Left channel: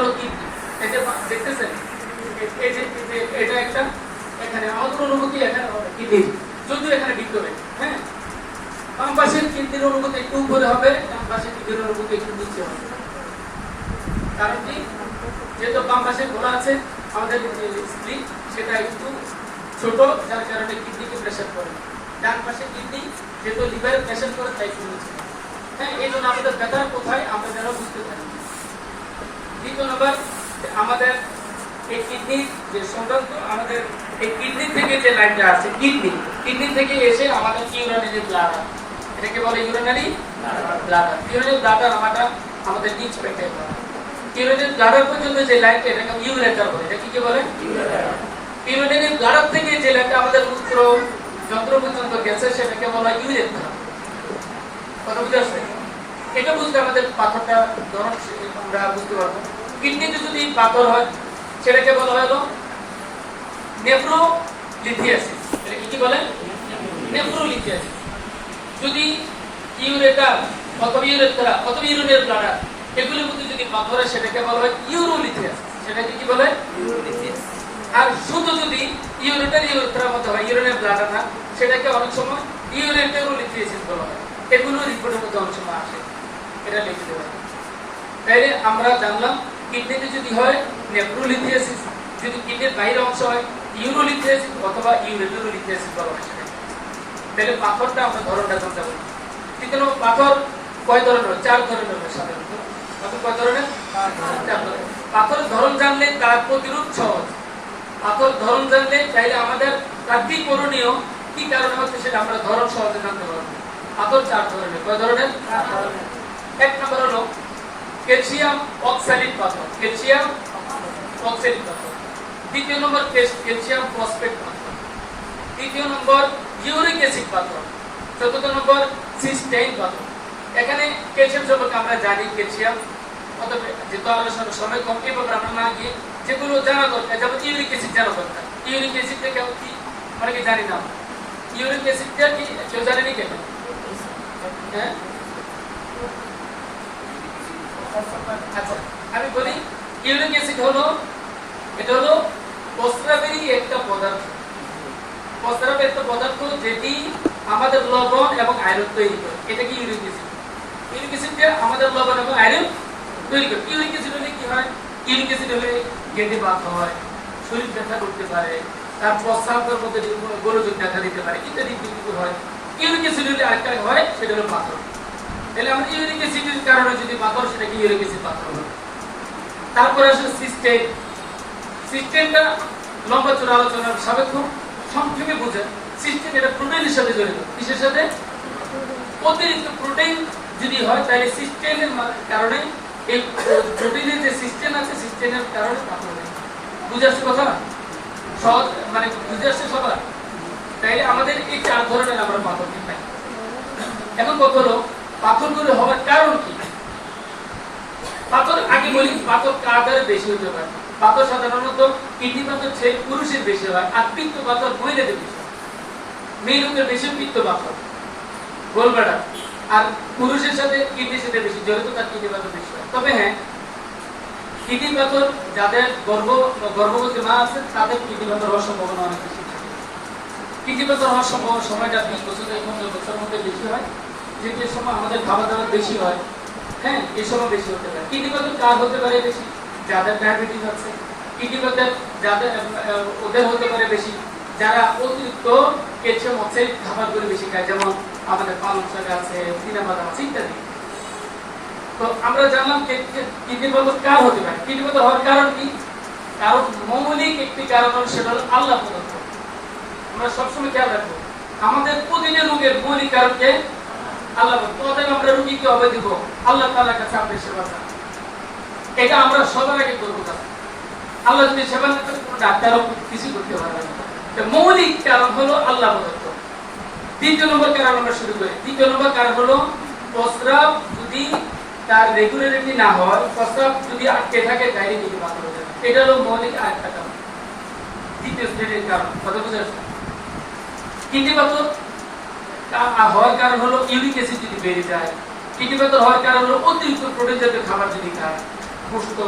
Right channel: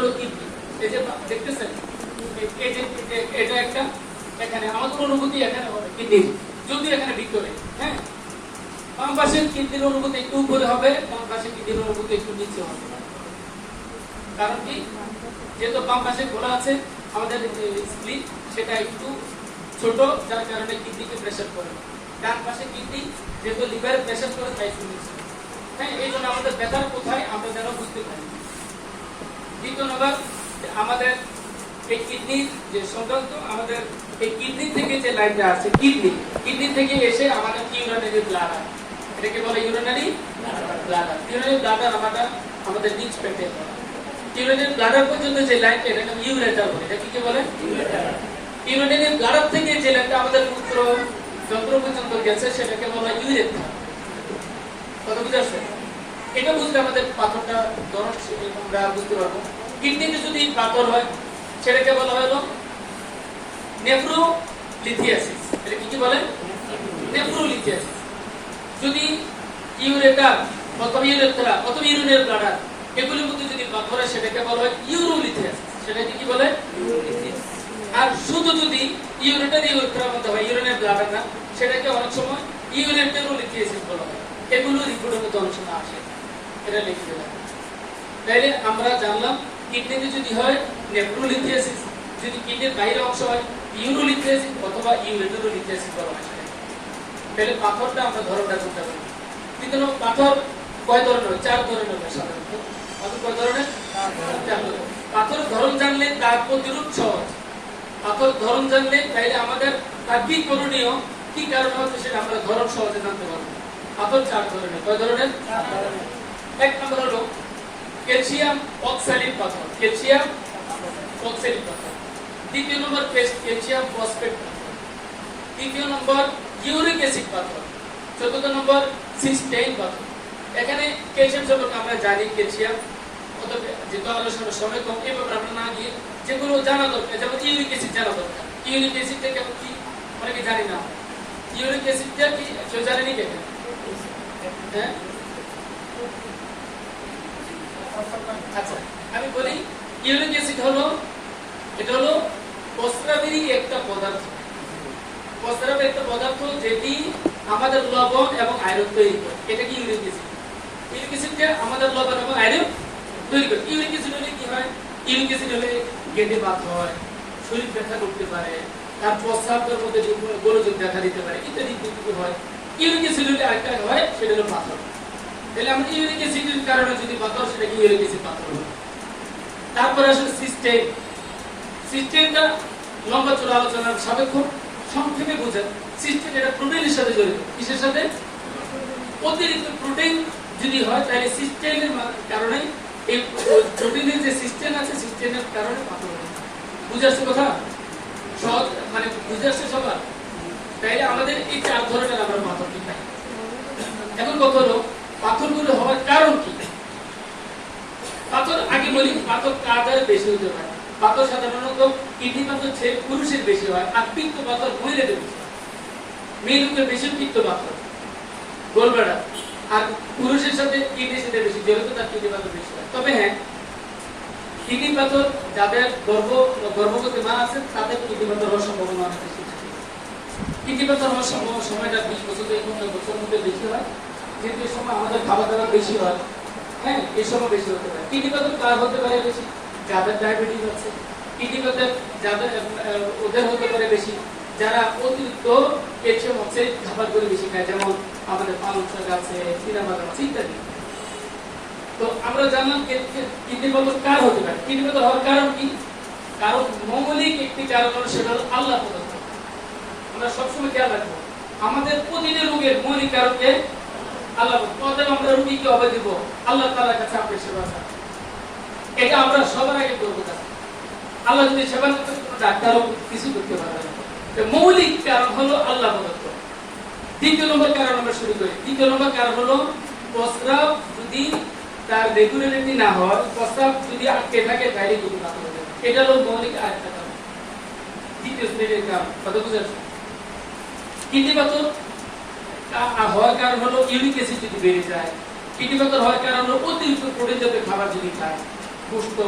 হলো কিডনি। এই যে দেখতেছেন, এই যে এটা একটা, এখানে আমাদের অনুভূতি এখানে হবে কিডনি, যদিও এখানে বৃক্ক নেই। হ্যাঁ, বাম পাশের কিডনির অনুভূতি একটু উপরে হবে, ডান পাশের কিডনির অনুভূতি একটু নিচে হবে। কারণ কি, যেহেতু বাম পাশে খোলা আছে আমাদের স্প্লিট, সেটা একটু ছোট, যার কারণে কিডনিকে প্রেসার করে। ডান পাশে কিডনি যেহেতু লিভারে প্রেসার করে, তাই একটু নিচে। হ্যাঁ, এই জন্য আমাদের ব্যথার কোথায় আমরা যেন বুঝতে পারি। দ্বিতীয় নম্বর, আমাদের এই কিডনি যে সংক্রান্ত, আমাদের এই কিডনি থেকে যে লাইনটা আছে, কিডনি থেকে এসে আমাদের ইউরিনারি ব্লাডার, এটাকে বলে ইউরিনারি ব্লাডার। ইউরিনারি ব্লাডার আমাদের নিচ পেটে, ইউরিনারি ব্লাডার পর্যন্ত যে লাইনটা, এটাকে ইউরেটার বলে। এটা কি বলে? ইউরিনারি ব্লাডার থেকে যে লাইনটা আমাদের মূত্র যন্ত্র পর্যন্ত গেছে, সেটাকে বলা ইউরেথ্রা। কথা বুঝতে আসছে? এটা বুঝতে আমাদের পাথরটা ধরন আমরা বুঝতে পারবো। কিডনিতে যদি পাথর হয়, সেটাকে বলা হলো নেফ্রোলিথিয়াসিস। এটা কি বলে? নেফ্রোলিথিয়াসিস। যদি ইউরেটার অথবা ইউরেথ্রা অথবা ইউরিনারি ব্লাডার এগুলোর মধ্যে যদি পাথর হয়, সেটাকে বলা হয় ইউরোলিথিয়াসিস। সেটাকে কি বলে? ইউরোলিথিয়াসিস। আর শুধু যদি ইউরেটার ইউরেথ্রার মধ্যে হয়, ইউরিনারি ব্লাডার না, সেটাকে অনেক সময় ইউরেটারোলিথিয়াসিস বলা হয়। এগুলো রিপোর্টের মধ্যে অনেক সময় আসে, এটা লিখে দেওয়া। তাইলে আমরা জানলাম কিডনিতে যদি হয় নেফ্রোলিথিয়াসিস, যদি কিডনির বাইরের অংশ হয় ইউরোলিথিয়াসিস অথবা ইউরেটারোলিথিয়াসিস বলা হয় সেটাকে। তাহলে পাথরটা আমরা ধরনটা কোনটা বলি? কিন্তু পাথর কয় ধরনের হয়? 4 ধরনের হয় সাধারণত। পাথর কয় ধরনের? 4 ধরনের। পাথর ধরন জানলে তার প্রতিরোধ সহজ। পাথর ধরন জানলে তাইলে আমাদের তার কি করণীয়, কি কারণে হচ্ছে, সেটা আমরা ধরন সহজে জানতে পারবো। পাথর 4 ধরনের। কয় ধরনের? 4 ধরনের। এক নম্বর হলো ক্যালসিয়াম অক্সালিড পাথর, ক্যালসিয়াম অক্সালিড পাথর। দ্বিতীয় নম্বর ক্যালসিয়াম ফসফেট পাথর। তৃতীয় নম্বর ইউরিক অ্যাসিড পাথর। চতুর্থ নম্বর সিস্টেইন পাথর। এখানে ক্যালসিয়াম সম্পর্কে আমরা জানি, ক্যালসিয়াম অথবা যেহেতু আলোচনার সময় কম, এই ব্যাপারে আমরা না গিয়ে যেগুলো জানা দরকার, যেমন ইউরিক অ্যাসিড জানা দরকার। ইউরিক অ্যাসিডটা কেউ কি অনেকে জানি না। ইউরিক অ্যাসিডটা কি কেউ জানেনি কেন? হ্যাঁ, আচ্ছা আমি বলি, ইউরিক অ্যাসিড হলো, এটা হলো প্রস্রাবেরই একটা পদার্থ। প্রস্রাবের একটা পদার্থ যেটি আমাদের লবণ এবং আয়রন তৈরি করে। এটা কি ইউরিক অ্যাসিড? ইউরিক অ্যাসিডটা আমাদের লবণ এবং আয়রন তৈরি করে। ইউরিক অ্যাসিড হলে কি হয়? ইউরিক অ্যাসিড হলে গেটে বাত হয়, শরীর ব্যথা করতে পারে, তার প্রস্রাবের মধ্যে গোলযোগ দেখা দিতে পারে, ইত্যাদি কিছু হয়। ইউরিক অ্যাসিড হলে আরেকটা হয়, সেটা হলো পাথর। তাহলে আমরা ইউরিক অ্যাসিডের কারণে যদি পাথর, সেটাকে ইউরিক অ্যাসিড পাথর হয়। তারপরে আসলে সিস্টেইন। সিস্টেইনটা লম্বা চূড়া আলোচনার সাপেক্ষ, সংক্ষেপে বোঝায়। সিস্টেইন এটা প্রোটিনের সাথে জড়িত। কিসের সাথে? অতিরিক্ত প্রোটিন যদি হয়, তাহলে সিস্টেইনের কারণে, এই প্রোটিনের যে সিস্টেইন আছে, সিস্টেইনের কারণে পাথর হয়। বুঝে আসছে কথা? সহজ মানে বুঝে আসছে সবার? তাইলে আমাদের এই 4 ধরনের আমরা পাথর পাই। এখন কথা হলো পাথরগুলো হওয়ার কারণ কি? পাথর আগে বলি, পাথর কার দ্বারা বেশি হতে পারে? পাথর সাধারণত কিডনি পাথর পুরুষের বেশি হয়, আর পিত্ত পাথর মহিলাদের বেশি হয়। মেয়ে লোকের বেশি পিত্ত পাথর, গোলব্লাডার, আর পুরুষের সাথে কিডনির সাথে বেশি জড়িত, তার কিডনি পাথর বেশি হয়। তবে হ্যাঁ, কিডনি পাথর যাদের গর্ভবতী মা আছে, তাদের কিডনি পাথর হওয়ার সম্ভাবনা অনেক বেশি। কিডনি পাথর হওয়ার সময়টা 20 বছর থেকে 15 বছরের মধ্যে বেশি হয়, যেহেতু এই সময় আমাদের খাবার দাবার বেশি হয়। হ্যাঁ, এই সময় বেশি হতে পারে। কিডনি পাথর কার হতে পারে বেশি? যাদের ডায়াবেটিস আছে। কিডনি পাথর যাদের, ওদের হতে পারে বেশি যারা অতিরিক্ত ক্যালসিয়াম অক্সাইড খাবারগুলো বেশি খায়, যেমন আমাদের পালং শাক আছে, চিনাবাদাম আছে, ইত্যাদি। তো আমরা জানলাম কিডনি পাথর কার হতে পারে। কিডনি পাথর হওয়ার কারণ কি? কারণ মৌলিক একটি কারণ হলো, সেটা হলো আল্লাহ প্রদত্ত। আমরা সবসময় খেয়াল রাখবো, আমাদের প্রতিটি রোগের মৌলিক কারণকে আল্লাহ। তবে আমরা রোগীকে অবৈ দিব আল্লাহ তাআলার কাছে আপনি সেবা করেন, এটা আমরা সবার আগে করবো। আল্লাহ যদি সেবা না করে, কোনো ডাক্তারও কিছু করতে পারবে না। মৌলিক কারণ হলো আল্লাহ প্রদত্ত। দ্বিতীয় নম্বর কারণ আমরা শুরু করি। দ্বিতীয় নম্বর কারণ হলো প্রস্রাব যদি তার রেগুলারিটি না হয়, প্রস্রাব যদি আটকে থাকে, তাইলে কিন্তু পাথর হতে পারে। এটা হলো মৌলিক আরেকটা কারণ, দ্বিতীয় শ্রেণীর কারণ। কত বুঝে? কিডনি পাথর হওয়ার কারণ হলো ইউরিক অ্যাসিড যদি বেড়ে যায়। কিডনি পাথর হওয়ার কারণ হলো অতিরিক্ত প্রোটিন জাতীয় খাবার যদি খায়, গোশত,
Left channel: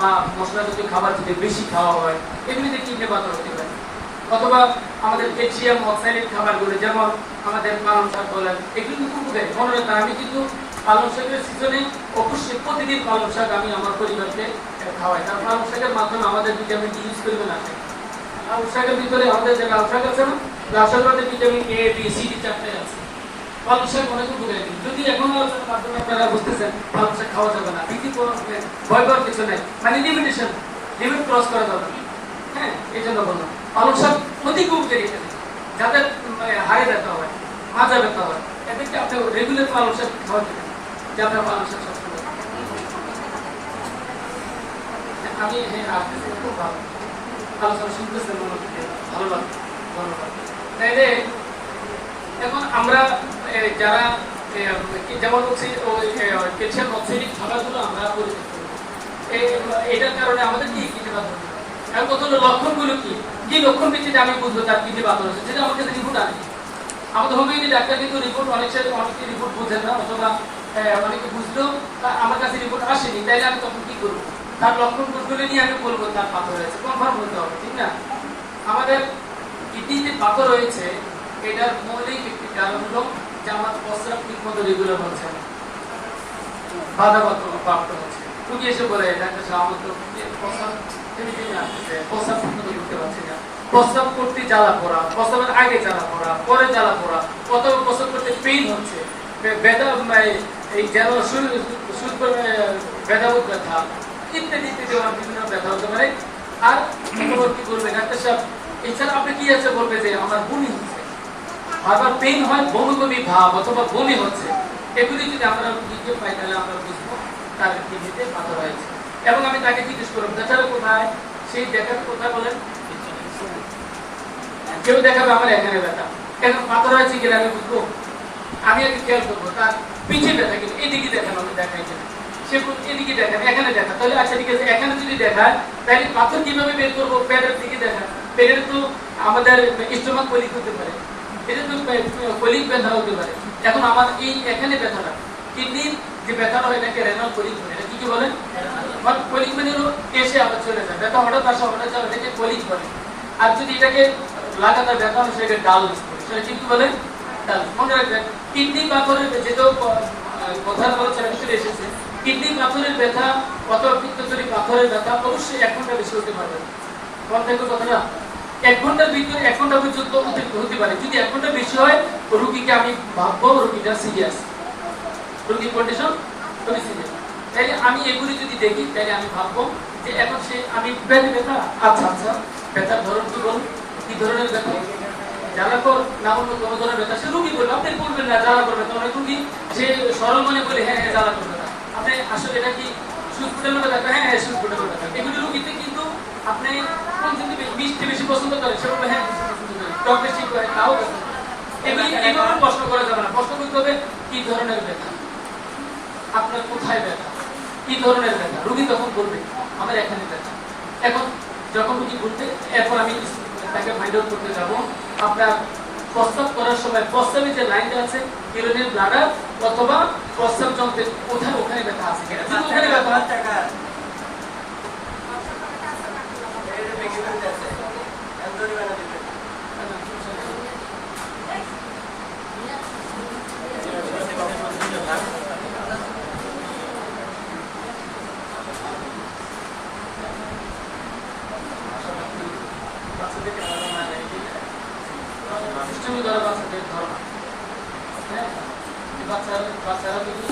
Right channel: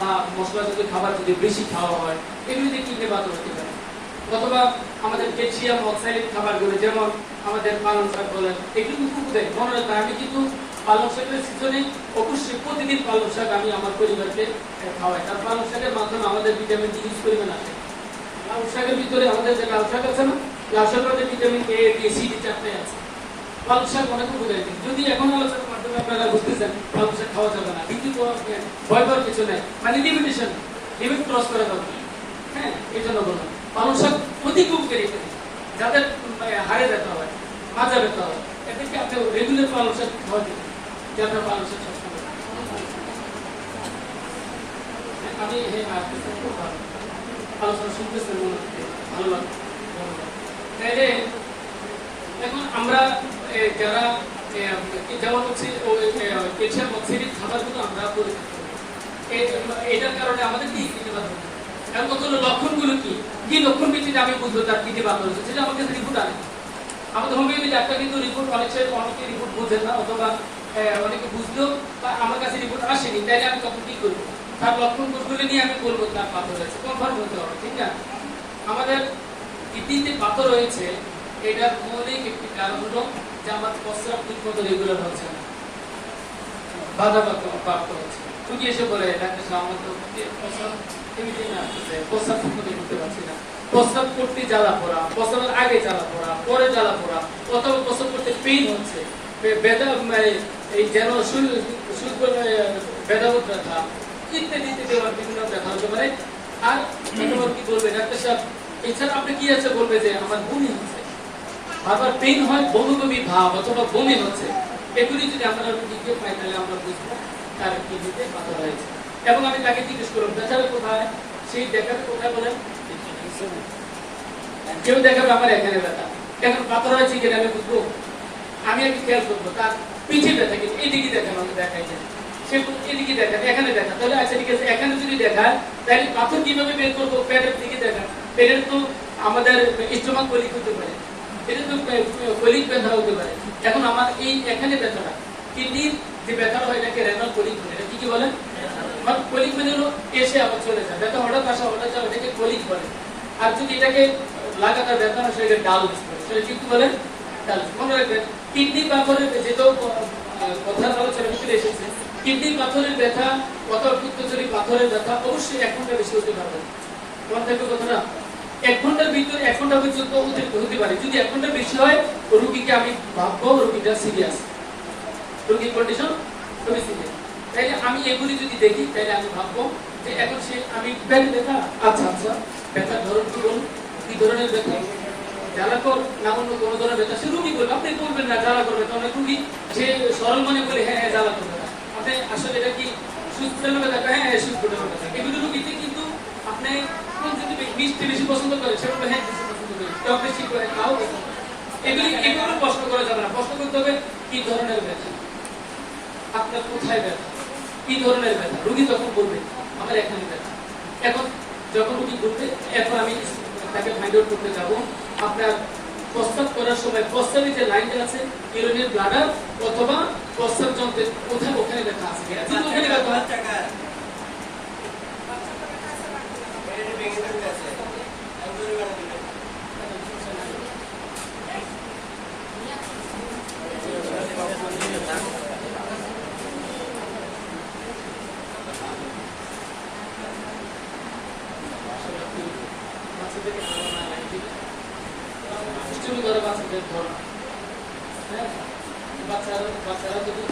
বা মশলা জাতীয় খাবার যদি বেশি খাওয়া হয় এগুলিতে কিডনি পাথর হতে পারে। অথবা আমাদের ক্যালসিয়াম অক্সাইড খাবারগুলো যেমন আমাদের পালং শাক বলেন এগুলো কিন্তু উপকারী। মনে রাখবেন আমি কিন্তু পালং শাকের সিজনে অবশ্যই প্রতিদিন পালং শাক আমি আমার পরিবারকে খাওয়াই। কারণ পালং শাকের মাধ্যমে আমাদের ভিটামিন ডি ইউজ করবে না। লাউ শাকের ভিতরে আমাদের যে লাউ শাক আছে না, লাউ শাকের মধ্যে vitamin A B C D চারটে আছে। পালং শাক অনেক উপকারী। যদি এখন আলোচনার মাধ্যমে আপনারা বুঝতেছেন পালং শাক খাওয়া যাবে না, ভীতি ভয় পাওয়ার কিছু নেই, মানে লিমিটেশন, লিমিট ক্রস করা যাবে না। হ্যাঁ, এই জন্য বললাম পালং শাক অধিক উপকারী। যাদের হাড়ে ব্যথা হয়, মাজা ব্যথা হয়, এদেরকে আপনি রেগুলার পালং শাক খাওয়াতে দেন, যে আপনার পালং শাক আমি খুব ভালো আলোচনা শুনতেছেন, মনে হচ্ছে ভালো লাগে। তাইলে এখন আমরা যারা যেমন হচ্ছে ক্যালসিয়াম অক্সাইড খাবারগুলো আমরা পরিচিত, এটার কারণে আমাদের কি কিডনি পাথর হচ্ছে। এখন কতগুলো লক্ষণগুলো কি কি লক্ষণ ভিত্তিতে আমি বুঝবো তার কিডনি পাথর হচ্ছে, সেটা আমার কাছে রিপোর্ট আনে। আমাদের হোমিওপ্যাথি ডাক্তার কিন্তু রিপোর্ট অনেকে রিপোর্ট বুঝেন না, অথবা অনেকে বুঝলেও আমার কাছে রিপোর্ট আসেনি। তাইলে আমি তখন কি করবো, তার লক্ষণগুলো নিয়ে আমি বলবো তার পাথর হয়েছে, কনফার্ম হতে হবে, ঠিক না? আমাদের কিডনিতে পাথর হয়েছে এটার মৌলিক একটি কারণ হলো যে আমার প্রস্রাব ঠিক মতো রেগুলার হচ্ছে না, বাধাপ্রাপ্ত হচ্ছে। রুগী এসে বলে ডাক্তার সাহেব আমার তো প্রস্রাব ঠিক মতো করতে পারছি না, প্রস্রাব করতে জ্বালা পোড়া, প্রস্রাবের আগে জ্বালা পোড়া, পরে জ্বালা পোড়া, অথবা প্রস্রাব করতে পেইন হচ্ছে, ব্যথা, এই যেন ব্যথাবোধ ব্যথা ইত্যাদি ইত্যাদি বিভিন্ন ব্যথা হতে পারে। আর কি বলবে ডাক্তার সাহেব এছাড়া আপনি কি আছে, বলবে যে আমার বমি হচ্ছে, বারবার পেইন হয়, বমি বমি ভাব অথবা বমি হচ্ছে। এগুলি যদি আমরা রুগীকে পাই তাহলে আমরা বুঝবো তার কিডনিতে পাথর হয়েছে। এবং আমি তাকে জিজ্ঞেস করবো দেখাবে কোথায়, সেই দেখাবে কোথায় বলেন, কেউ দেখাবে আমার এখানে ব্যথা, এখন পাথর হয়েছে কিনা আমি বুঝবো। আমি আগে খেয়াল করবো তার পিছিয়ে ব্যথা কিনা, এদিকে দেখানো আমি দেখাই কিনা, সে এদিকে দেখান, এখানে দেখা, তাহলে আচ্ছা ঠিক আছে, এখানে যদি দেখায় তাহলে পাথর কিভাবে বের করবো, পেটের দিকে দেখান, পেটের তো আমাদের স্টোমাক কলিক হতে পারে, এটা তো কলিক ব্যথা হতে পারে। এখন আমার এই এখানে ব্যথাটা কিডনির যে ব্যথাটা হয় এটাকে রেনাল কলিক বলে। এটা কি বলেন, কলিক মানে হলো এসে আবার চলে যায়, ব্যথা হঠাৎ আসা হঠাৎ যাবে, এটাকে কলিক বলে। আর যদি এটাকে লাগাতার ব্যথা হয় সেটাকে ডালস বলে, সেটা কি বলে, ডালস। মনে রাখবেন কিডনি পাথরের যেটাও কথার আলোচনা ভিতরে এসেছে, কিডনি পাথরের ব্যথা অথবা পিত্তথলি পাথরের ব্যথা অবশ্যই 1 ঘন্টা বেশি হতে পারবে না। তোমার দেখো কথাটা 1 ঘন্টার ভিতরে 1 ঘন্টা পর্যন্ত হতে পারে। যদি 1 ঘন্টা বেশি হয় রোগীকে আমি ভাববো রোগীটা সিরিয়াস, রোগীর কন্ডিশন খুবই সিরিয়াস। তাই আমি এগুলি যদি দেখি তাহলে আমি ভাববো যে এখন সে আমি ব্যথা, আচ্ছা আচ্ছা ব্যথার ধরন কি বলুন, কি ধরনের ব্যথা, জ্বালাকর না অন্য কোনো ধরনের ব্যথা, সে রুগী বলবে, আপনি বলবেন না জ্বালাকর ব্যথা, অনেক রুগী সে সরল মনে বলে হ্যাঁ হ্যাঁ জ্বালাকর ব্যথা, আপনি আসলে এটা কি সুদ ফুটানো ব্যথা, হ্যাঁ হ্যাঁ সুদ ফুটানো ব্যথা। এগুলি রুগীতে কিন্তু আপনি কোন কিন্তু মিষ্টি বেশি পছন্দ করে, সে বলবে হ্যাঁ টক বেশি করে, তাও ব্যথা। এগুলি এইভাবে প্রশ্ন করা যাবে না, প্রশ্ন করতে হবে কি ধরনের ব্যথা, আপনার কোথায় ব্যথা, কি ধরনের ব্যথা। রুগী তখন বলবে আমার এখানে ব্যথা। এখন যখন রুগী বলতে, এখন আমি তাকে ফাইন্ড আউট করতে যাবো আপনার প্রস্রাব করার সময় প্রস্রাবের যে লাইনটা আছে ইউরিনের ব্লাডার অথবা প্রস্রাব যন্ত্রের কোথায় ওখানে ব্যথা আছে কিনা। যদি ওখানে ব্যথা বাচ্চারা যদি